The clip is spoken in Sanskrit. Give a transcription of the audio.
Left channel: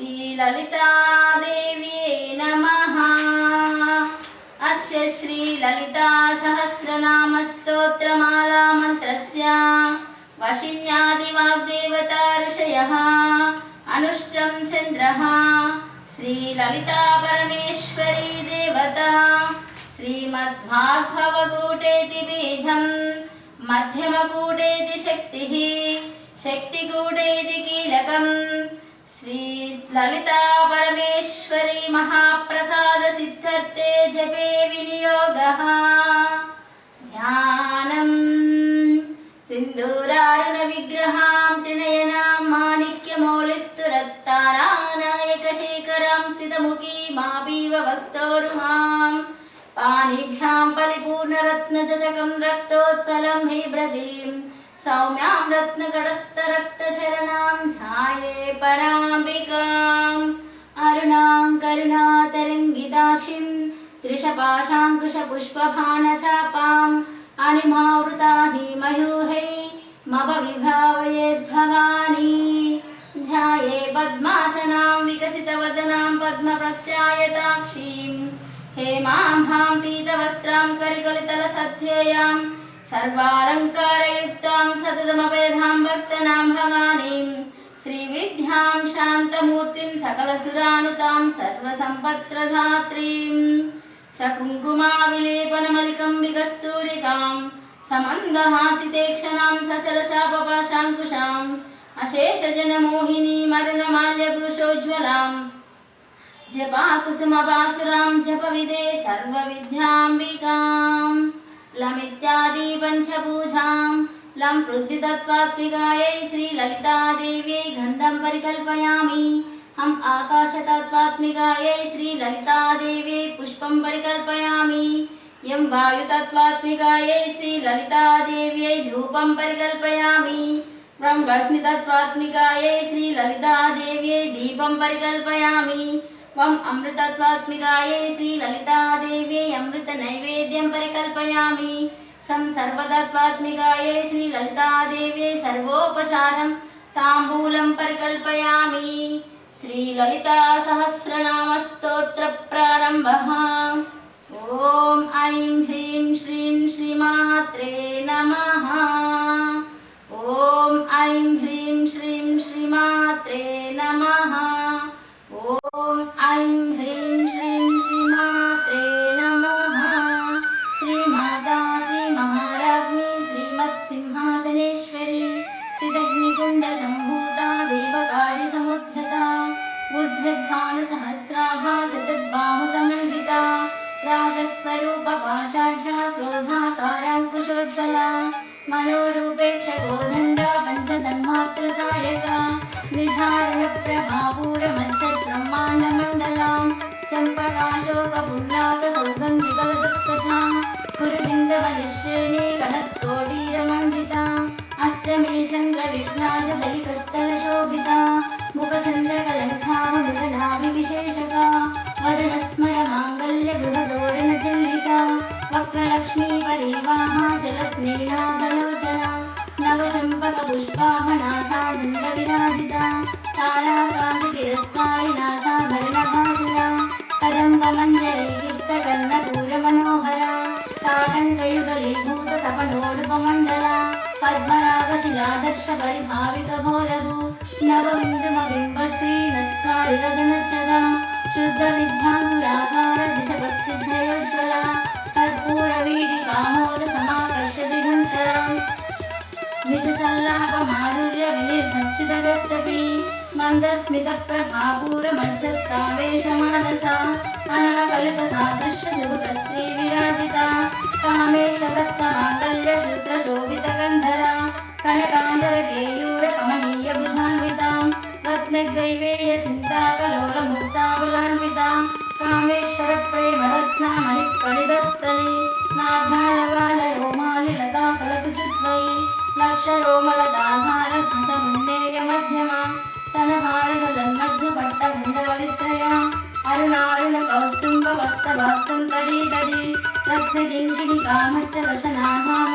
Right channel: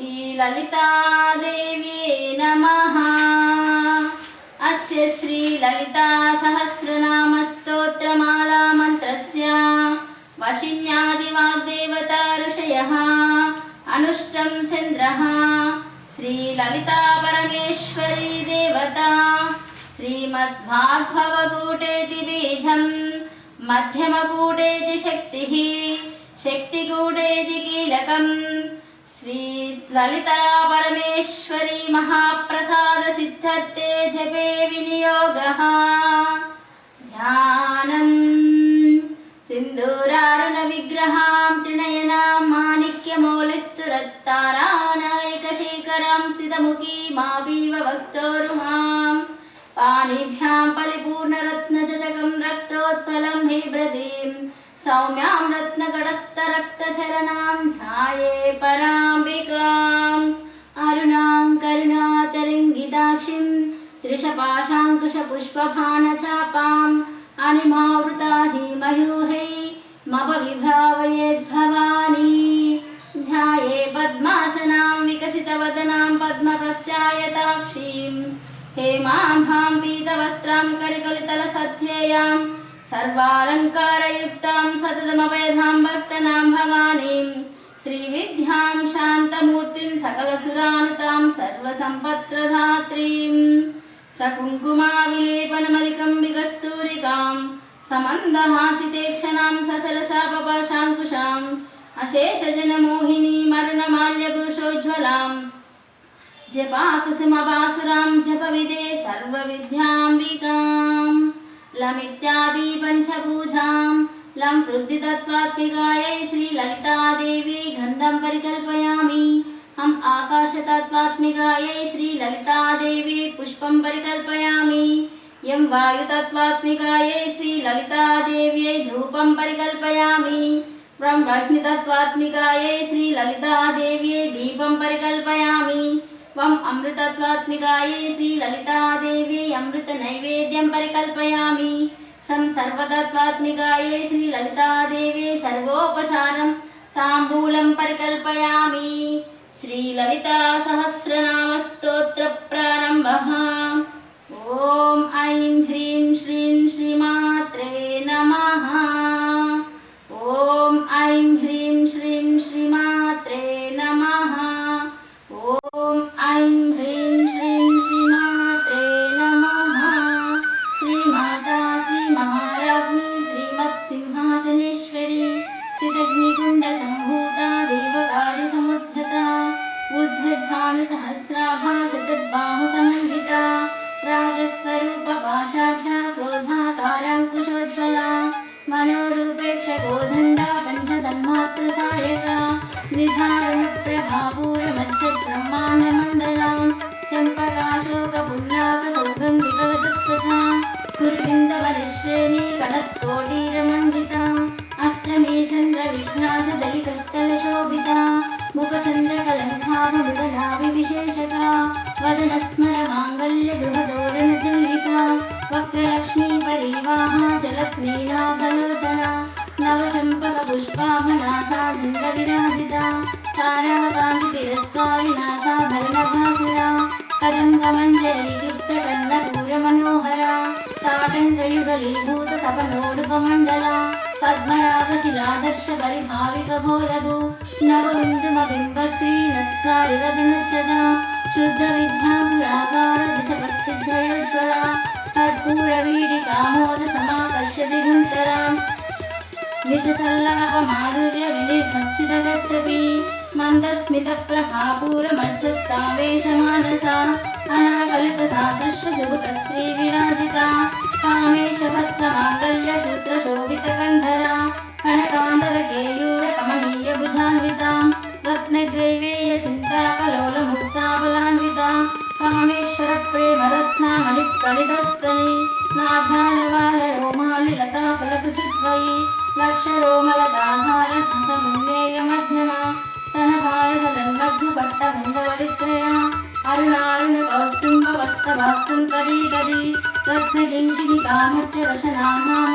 श्रीललितादेव्ये नमः। अस्य श्रीललितासहस्रनामस्तोत्रमाला मन्त्रस्य वशिन्यादिवाग्देवता ऋषयः अनुष्टं चन्द्रः श्रीललिता परमेश्वरी देवता श्रीमद्भागवतगुटेति बीजं मध्यमगुटेति शक्तिः शक्तिगुटेति कीलकं श्रीललिता परमेश्वरी महाप्रसाद सिद्धर्थे जपे विनियोगः। ध्यानं सिन्दूरारुण विग्रहां त्रिनयनां माणिक्यमौलिस्तुरत्तारानायकशेखरां स्थितमुखीमापीव वक्स्तोरुहां पाणिभ्यां परिपूर्णरत्नजजकं रक्तोत्पलं बिभ्रतीं सौम्यां रत्नकटस्थरक्तचरणां ध्याये पराम्बिकाम् अरुणां करुणातरङ्गिताक्षिं त्रिशपाशाङ्कुशपुष्पबाणचापाम् अनिमावृता हिमयूहैर्मपविभावयेद्भवानी ध्याये पद्मासनां विकसितवदनां पद्मप्रस्यायताक्षीं हेमाम्भां पीतवस्त्रां कलिकलितलसध्येयां सर्वालङ्कारयुक्तां सततमभयदां भक्तनां भवानीं श्रीविद्यां शान्तमूर्तिं सकलसुरानुतां सर्वसम्पत्प्रदात्रीं सकुङ्कुमाविलेपनमलिकं विकस्तूरिकां समन्दहासितेक्षणां सचलशापपाशाङ्कुशाम् अशेषजनमोहिनीमरुणमाल्यवृषोज्ज्वलां जपाकुसुमपासुरां जपविदे सर्वविद्याम्बिकां लमित्यादि पञ्चपूजां लं पृथ्वीतत्त्वात्मिकायै श्रीललितादेव्यै गन्धं परिकल्पयामि। हम आकाशतत्त्वात्मिकायै श्रीललितादेव्यै पुष्पं परिकल्पयामि। यं वायुतत्त्वात्मिकायै श्रीललितादेव्यै धूपं परिकल्पयामि। ब्रह्मग्नितत्त्वात्मिकायै श्रीललितादेव्यै दीपं परिकल्पयामि। वं अमृतत्वात्मिकायै श्रीललितादेव्यै अमृतनैवेद्यं परिकल्पयामि। सं सर्वतत्त्वात्मिकायै श्रीललितादेव्यै सर्वोपचारं ताम्बूलं परिकल्पयामि। श्रीललितासहस्रनामस्तोत्रप्रारम्भः। ॐ ऐं ह्रीं श्रीं श्रीमात्रे नमः। ॐ ऐं ह्रीं श्रीं श्रीमात्रे नमः। ॐ ऐं ह्रीं श्रीं श्रीमात्रे नमः। श्रीमाता श्रीमहाराज्ञी श्रीमत्सिंहासनेश्वरी चिदग्निकुण्डसम्भूता देवकार्यसमुद्धता उद्धृद्भानुसहस्राभा चतुर्बाहुसमन्विता राजस्वरूपपाषाढ्या क्रोधाकाराङ्कुशोज्ज्वला मनोरूपेक्षकोदण्डा पञ्चतन्मात्रसायका निधारणप्रभापूरमच्छब्रह्माण्डमण्डला चम्पकाशोकपुण्डाकसौगन्धिकलदत्कथा कुरुबिन्दवलिश्रेणी कलत्कोटीरमण्डिता अष्टमे चन्द्रविष्णाचदलिकस्थलशोभिता मुखचन्द्रकलङ्कारुडनाभिविशेषका वदनस्मरमाङ्गल्यगृहदोरणचण्डिका वक्रलक्ष्मी परिवाहा जलत्नीनाथलोचना नवचम्पकपुष्पाभनासा दण्डविराजिता ताराकान्तिरस्कारिनाथा भरणभासुरा कदम्बमञ्जरीकृप्तकर्णपूरमनोहरा ताटङ्कयुगलीभूततपनोडुपमण्डला पद्मरागशिलादर्शपरिभाविकभोलभू नवबिन्दुमबिम्बस्त्रीनस्कारिरजनसदा शुद्धविद्यापुराकार दिशपत्सिद्धयोज्ज्वला कर्पूरवीडिकामोदसमाकर्षदिगुन्तरा निजसल्लापमाधुर्यविनिर्भक्षितगच्छपि मन्दस्मितप्रभापूरमज्जत्कामेशमानसा अनाकल्पसादृश्यजुगुतश्रीविराजिता कामेशभक्तमाङ्गल्यसूत्रशोभितकन्धरा कनकान्तरकेयूरकमनीयभुजान्वितां रत्नग्रैवेयचिन्ताकलोलमुक्ताबलान्वितां कामेश्वरप्रेमरत्नामणिप्रणिदस्तनी नाभ्यालवालरोमालिलताफलकुचिद्वयी लक्षरोमलदाधारसमुन्नेयमध्यमा तनभारतदन्मध्युपट्टगण्डवलित्रया अरुणारुणकौस्तुम्भवस्तभास्तं तदीतदी रत्नकिङ्किणिकामट्टरशनानाम